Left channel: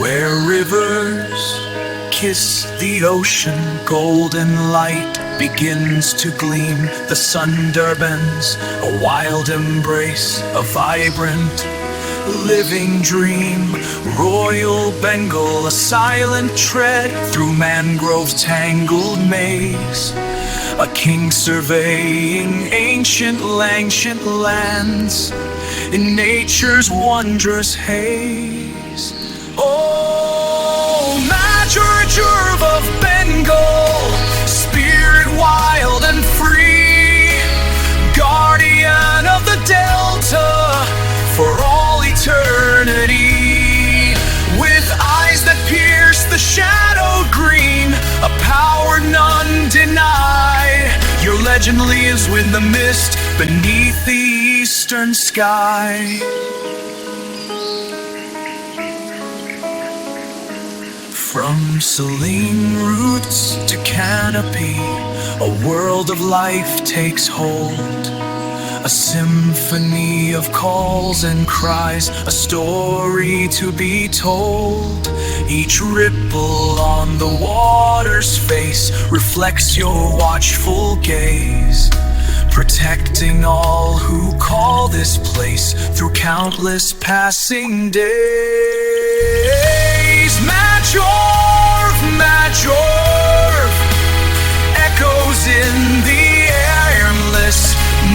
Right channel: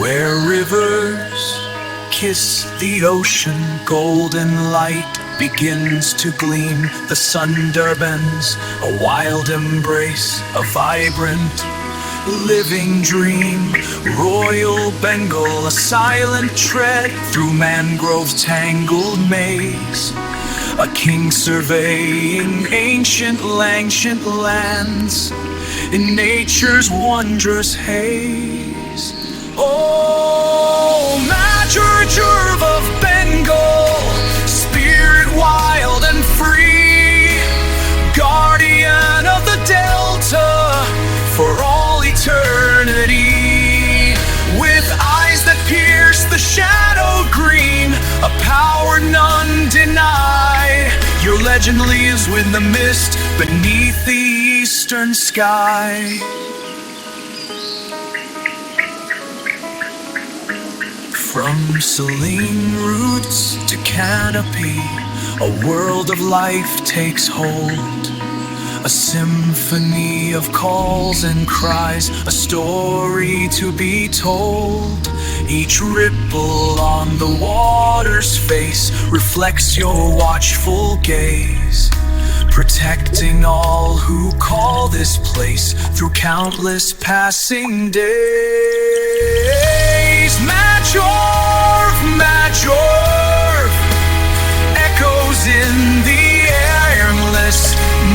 Where rivers kiss the ocean, golden light begins to gleam. The Sundarbans, a wild embrace, a vibrant, living dream. Royal Bengal, a silent tread through mangrove's tangled maze. A king surveying ancient lands in nature's wondrous haze. Oh, Major Jerv of Bengal, spirit wild and free, guardian of the Delta for all eternity. With eyes that pierce the shadow green, a power none deny, your legend lives with the mist beneath the eastern sky. From saline roots to canopy, a world of life takes hold. A symphony of calls and cries, a story to be told. Each ripple on the water's face reflects your watchful gaze, protecting all who call this place through countless passing days. Majorv, Majorv, echoes in the airless,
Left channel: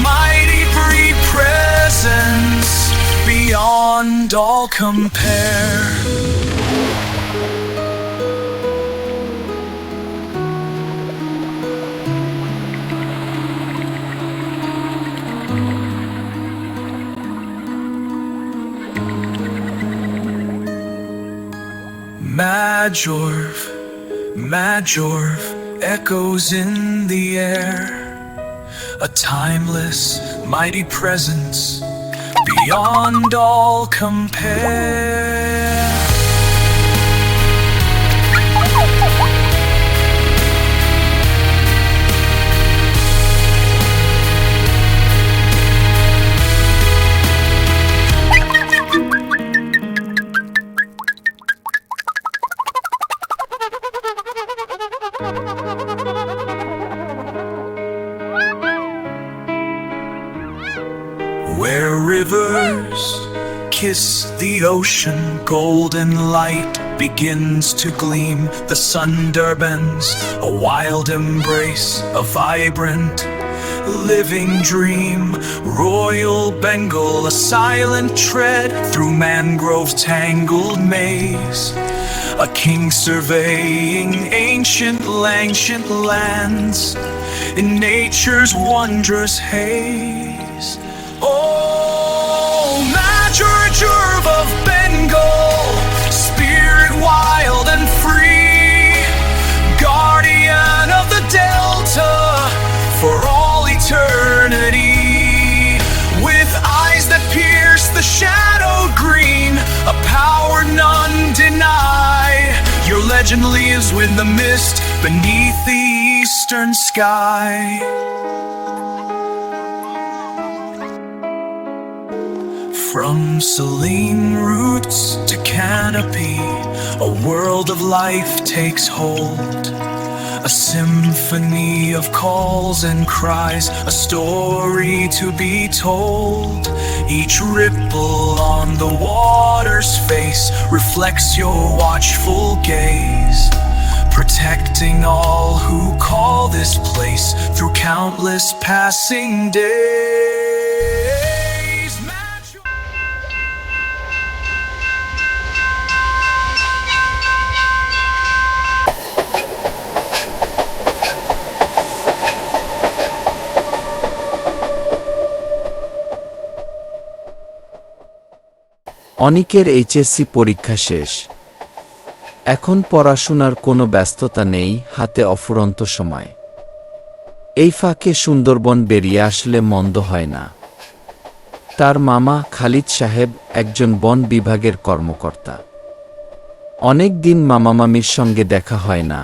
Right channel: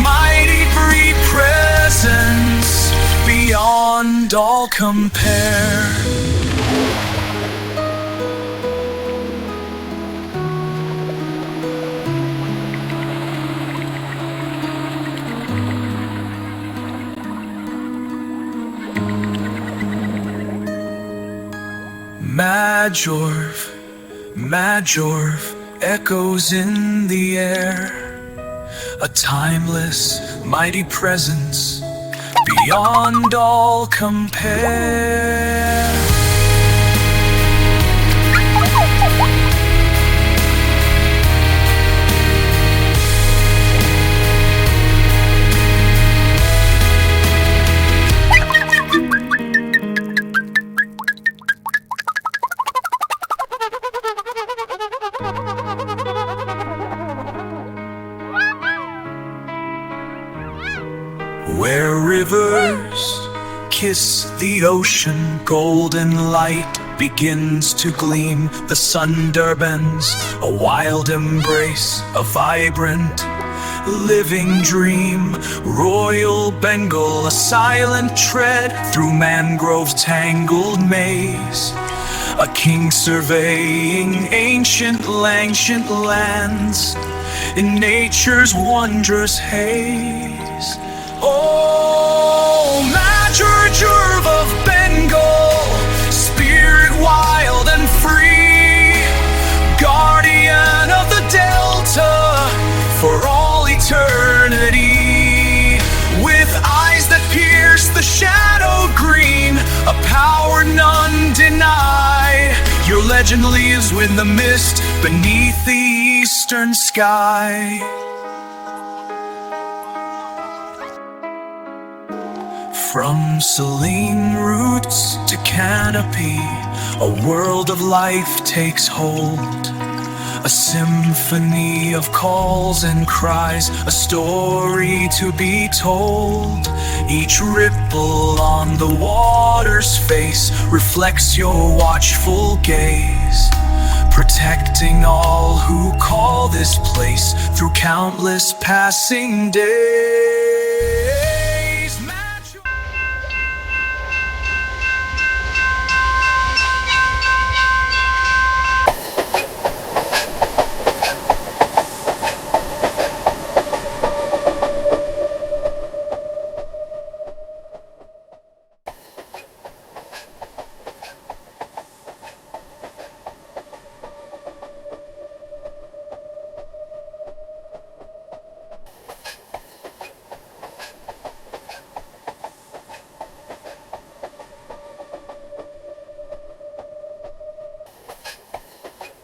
mighty free presence beyond all compare. Majorv, Majorv, echoes in the air, a timeless, mighty presence beyond all compare. Where rivers kiss the ocean, golden light begins to gleam. The Sundarbans, a wild embrace, a vibrant, living dream. Royal Bengal, a silent tread through mangrove's tangled maze. A king surveying ancient lands in nature's wondrous haze. Oh, Major Jerv of Bengal, spirit wild and free, guardian of the Delta for all eternity. With eyes that pierce the shadow green, a power none deny, your legend lives with the mist beneath the eastern sky. From saline roots to canopy, a world of life takes hold. A symphony of calls and cries, a story to be told. Each ripple on the water's face reflects your watchful gaze, protecting all who call this place through countless passing days. অনিকের HSC পরীক্ষা শেষ। এখন পড়াশোনার কোনো ব্যস্ততা নেই, হাতে অফুরন্ত সময়। এই ফাঁকে সুন্দরবন বেরিয়ে আসলে মন্দ হয় না। তার মামা খালিদ সাহেব একজন বন বিভাগের কর্মকর্তা। অনেক দিন মামামামির সঙ্গে দেখা হয় না।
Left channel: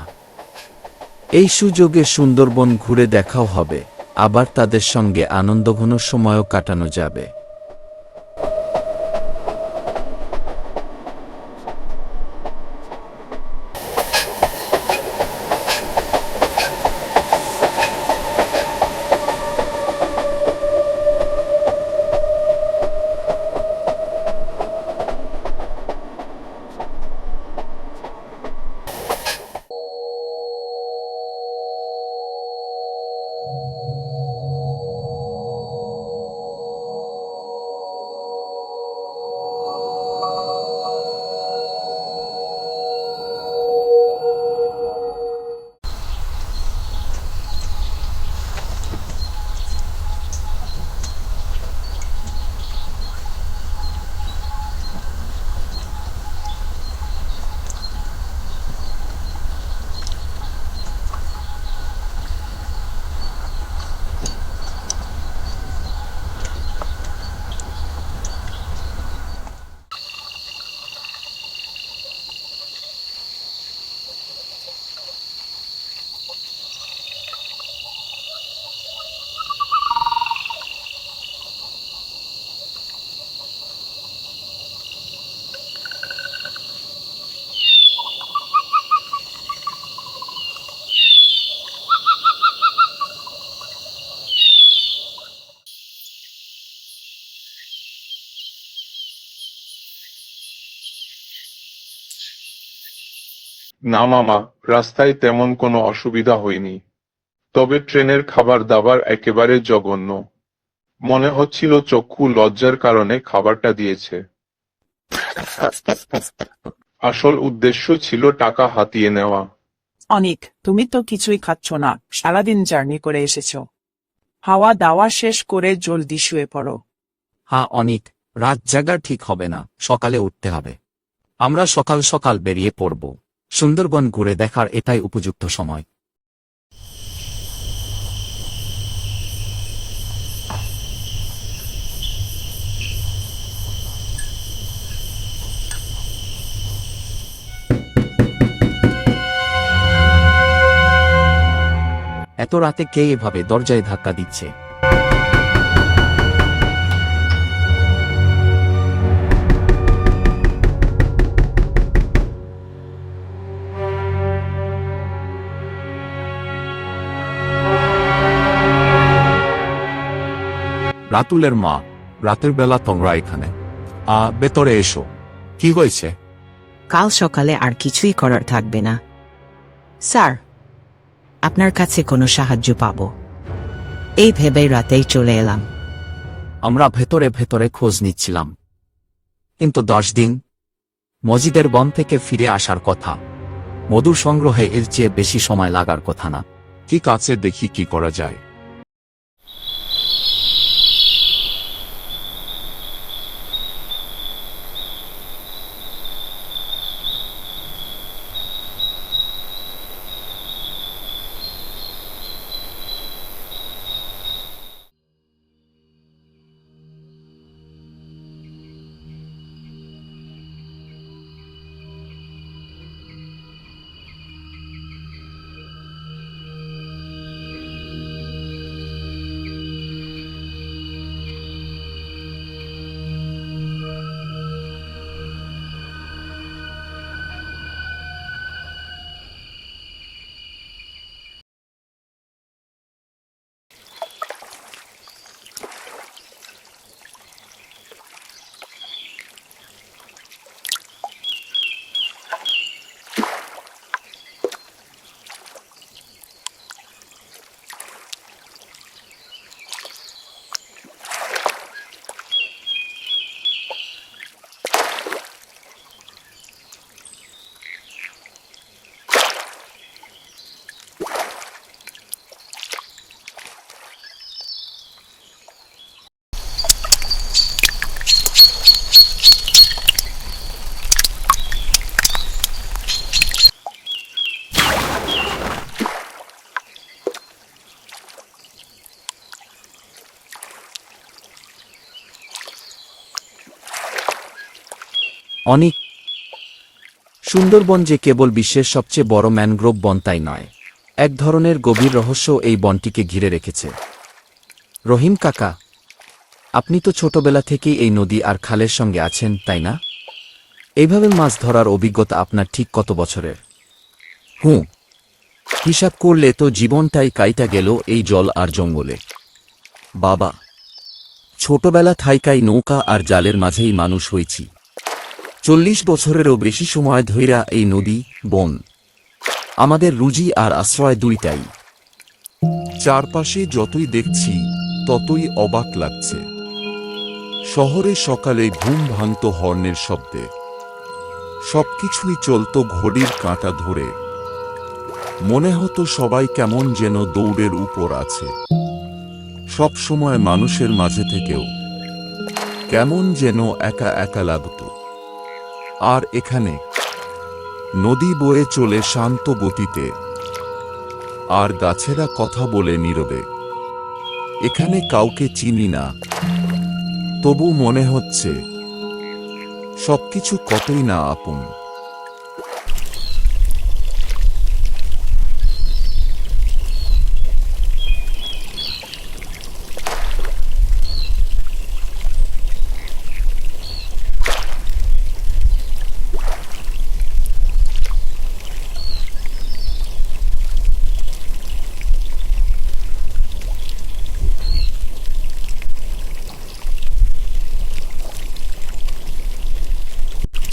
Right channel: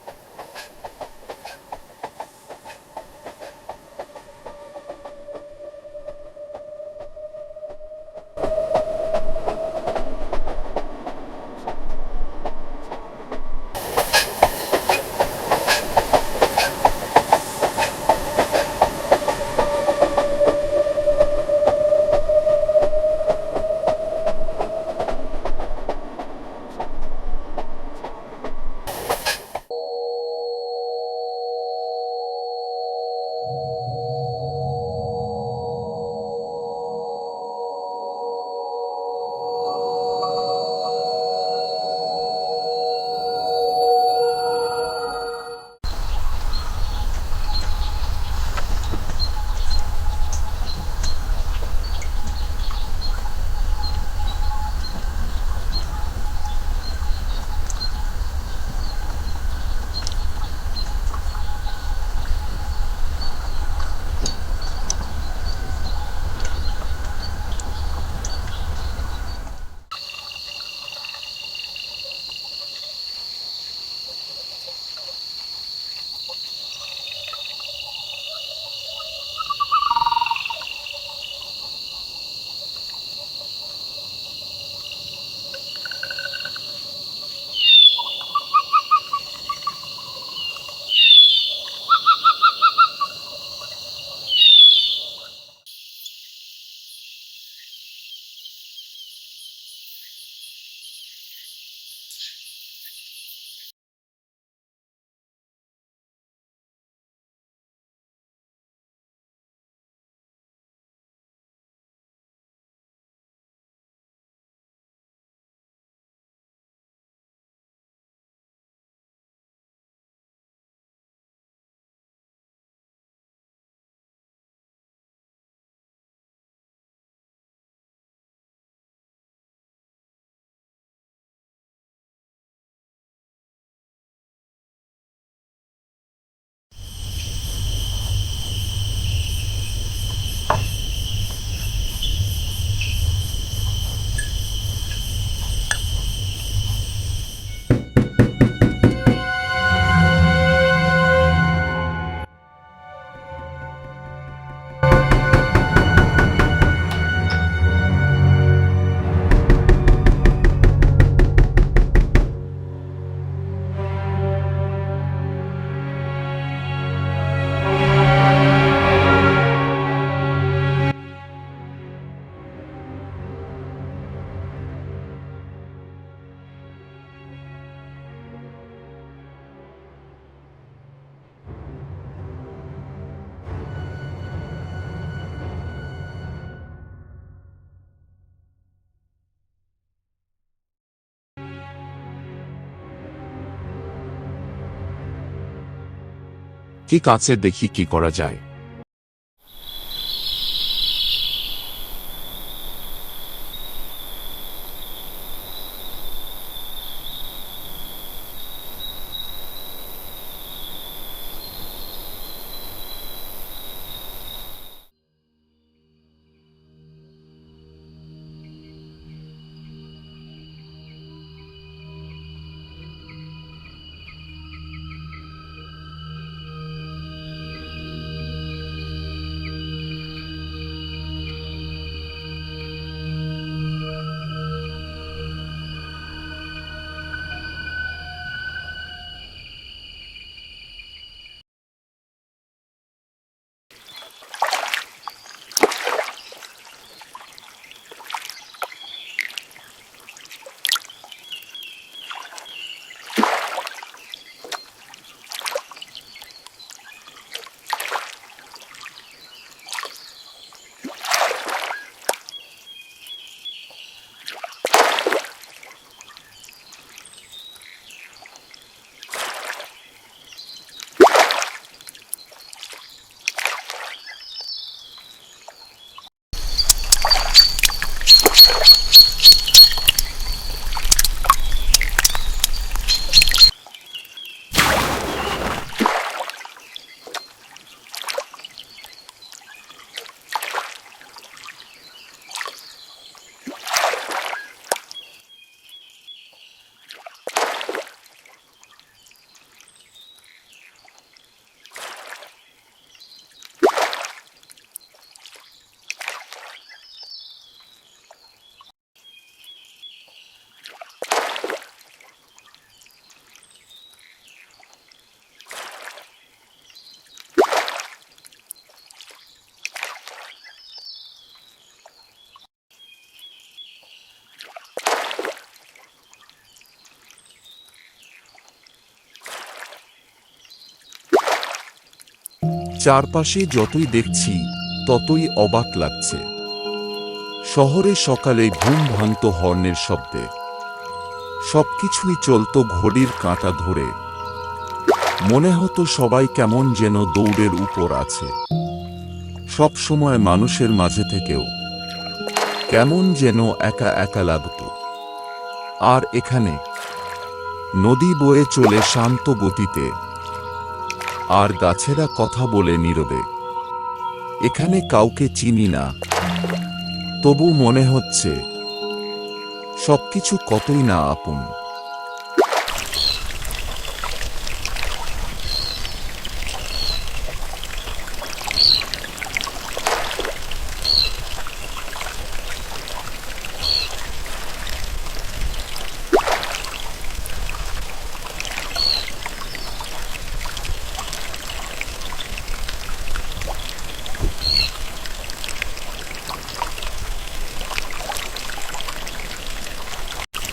এই সুযোগে সুন্দরবন ঘুরে দেখাও হবে, আবার তাদের সঙ্গে আনন্দঘন সময়ও কাটানো যাবে। না মামা, রাস্তায় তেমন কোনো অসুবিধা হয়নি। তবে ট্রেনের খাবার দাবার একেবারে জঘন্য। মনে হচ্ছিল চক্ষু লজ্জার কারণে খাবারটা দিয়েছে। আসল উদ্দেশ্য ছিল টাকা হাতিয়ে নেওয়া। অনিক, তুমি তো কিছুই খাচ্ছ না, সারাদিন জার্নি করে এসেছো। হাওয়া দাওয়া শেষ করে জলদি শুয়ে পড়ো। হ্যাঁ অনিক, রাত জাগা ঠিক হবে না, সকালে উঠতে হবে। আমরা সকাল সকাল বেরিয়ে পড়ব। সুন্দরবন ঘুরে দেখার এটাই উপযুক্ত সময়। এত রাতে কে এভাবে দরজায় ধাক্কা দিচ্ছে? রাতুলের মা, রাতের বেলা তোমরা এখানে? ভেতরে এসো। কি হয়েছে? কাল সকালে আর কিছুই করার থাকবে না স্যার, আপনার কাছে কোনো সাহায্য পাবো এই ভেবেই রাতেই চলে এলাম। আমরা ভেতরে ভেতরে খোঁজ নিচ্ছিলাম, কিন্তু 10 দিন। মজিদের বন থেকে ফিরে আসার কথা। মধু সংগ্রহে এর চেয়ে বেশি সময় লাগার কথা না। ঠিক আছে, দেখি কি করা যায়। অনিক, সুন্দরবন যে কেবল বিশ্বের সবচেয়ে বড় ম্যানগ্রোভ বন তাই নয়, এক ধরনের গভীর রহস্য এই বনটিকে ঘিরে রেখেছে। রহিম কাকা, আপনি তো ছোটবেলা থেকেই এই নদী আর খালের সঙ্গে আছেন, তাই না? এইভাবে মাছ ধরার অভিজ্ঞতা আপনার ঠিক কত বছরের? হিসাব করলে তো জীবনটাই কাইটা গেল এই জল আর জঙ্গলে। বাবা, ছোটবেলা থাইকাই নৌকা আর জালের মাঝেই মানুষ হয়েছি। 40 বছরেরও বেশি সময় ধইরা এই নদী, বন আমাদের রুজি আর আশ্রয় দুইটাই। চারপাশে যতই দেখছি ততই অবাক লাগছে। শহরে সকালে ঘুম ভাঙত হর্নের শব্দে, সবকিছুই চলত ঘড়ির কাঁটা ধরে। মনে হতো সবাই কেমন যেন দৌড়ের উপর আছে। সব সময় মানুষের মাঝে থেকেও কেমন যেন একা একা লাগত। আর এখানে নদী বয়ে চলে শান্ত গতিতে, আর গাছেরা কথা বলে নীরবে। এখানে কাউকে চিনি না, তবু মনে হচ্ছে সবকিছু কতই না আপন।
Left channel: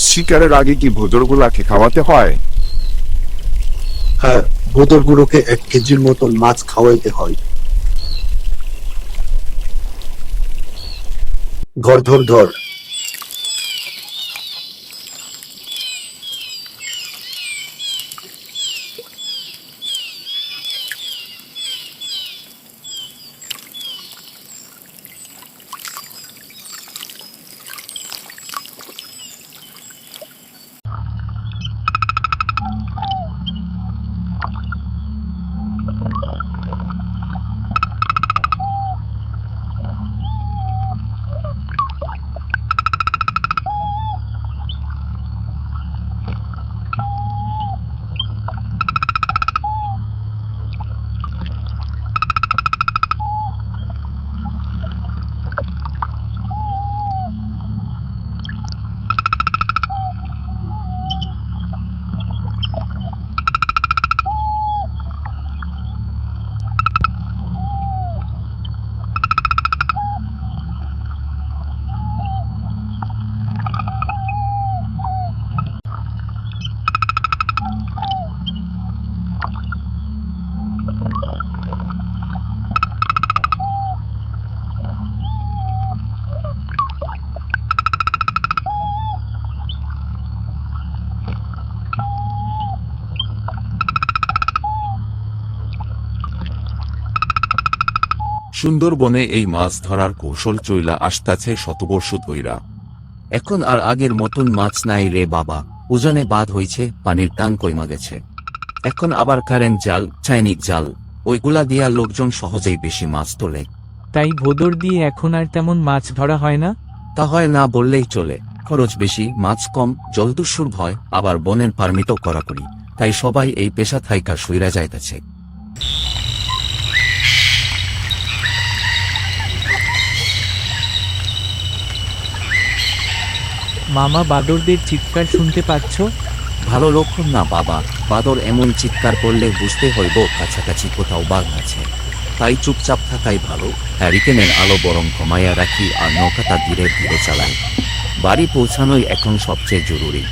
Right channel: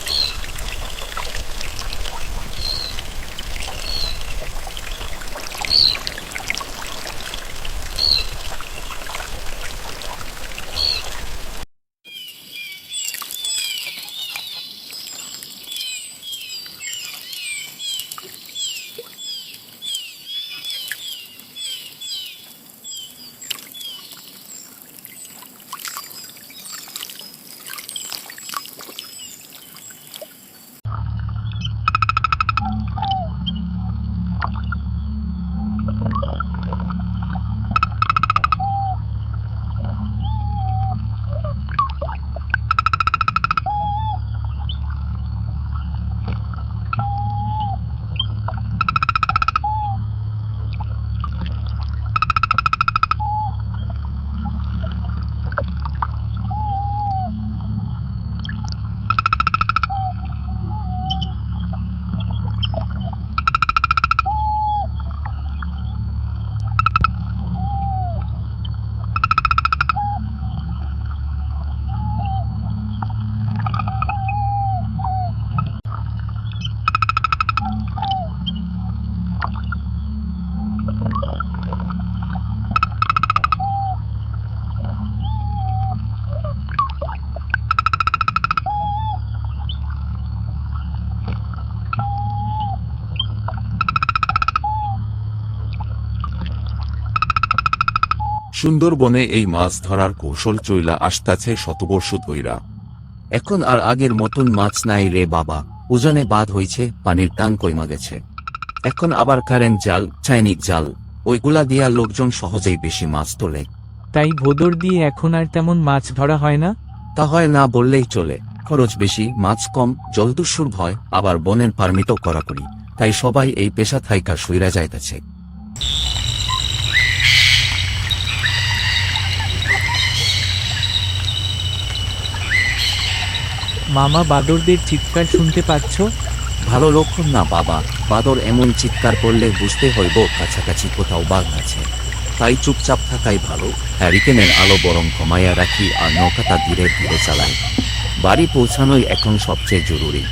শিকারের আগে কি ভোজরগুলাকে খাওয়াতে হয়? আর ভোদর বুড়োকে 1 কেজির মতো মাছ খাওয়াইতে হয়। ধর ধর ধর। সুন্দরবনে এই মাছ ধরার কৌশল চইলা আসতাছে শতবর্ষ ধইরা। এখন আর আগের মতন মাছ নাই রে বাবা, ওজনে বাদ হইছে, পানির টান কইমা গেছে। এখন আবার কারেন্ট জাল, চাইনিক জাল, ওইগুলা দিয়া লোকজন সহজেই বেশি মাছ তোলে। তাই ভোদর দিয়ে এখন আর তেমন মাছ ধরা হয় না? তা হয় না বললেই চলে, খরচ বেশি, মাছ কম, জলদস্যুর ভয়, আবার বনের পারমিটও কড়াকড়ি, তাই সবাই এই পেশা থাইকা সইরা যাইতেছে। মামা, বাদরদের চিৎকার শুনতে পাচ্ছ? ভালো লক্ষণ না বাবা, বাদর এমন চিৎকার করলে বুঝতে হইব কাছাকাছি কোথাও বাঘ আছে, তাই চুপচাপ থাকাই ভালো। হ্যারিকেনের আলো বরং কমাইয়া রাখি আর নৌকাটা ধীরে ধীরে চালাই। বাড়ি পৌঁছানোই এখন সবচেয়ে জরুরি।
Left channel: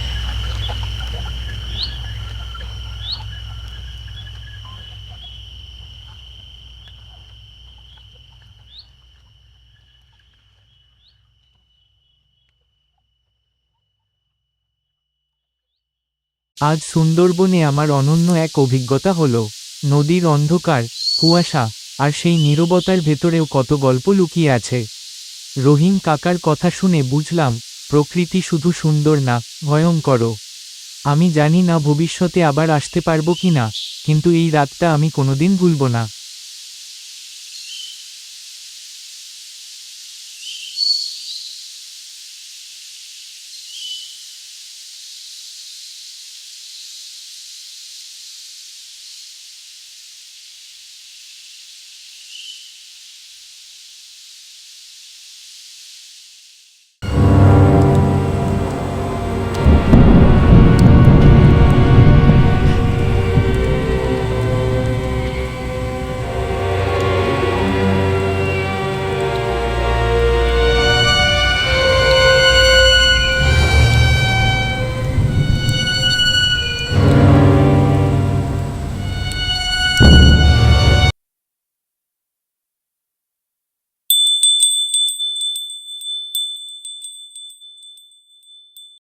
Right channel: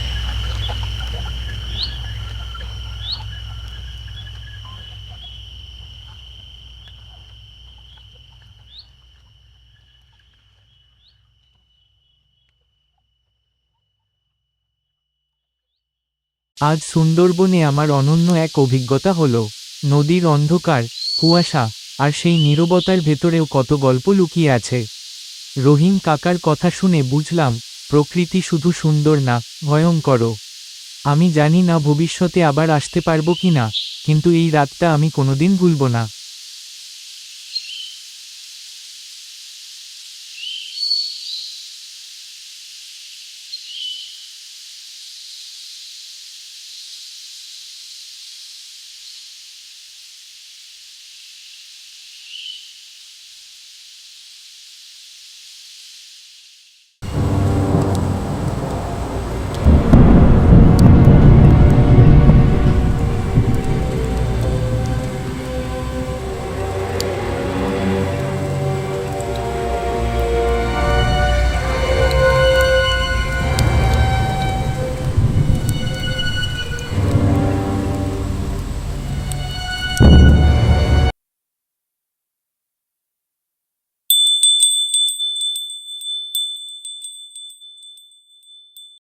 আজ সুন্দরবনে আমার অনন্য এক অভিজ্ঞতা হলো। নদীর অন্ধকার, কুয়াশা আর সেই নীরবতার ভেতরেও কত গল্প লুকিয়ে আছে। রহিম কাকার কথা শুনে বুঝলাম, প্রকৃতি শুধু সুন্দর না, ভয়ঙ্করও। আমি জানি না ভবিষ্যতে আবার আসতে পারবো কিনা, কিন্তু এই রাতটা আমি কোনোদিন ভুলব না।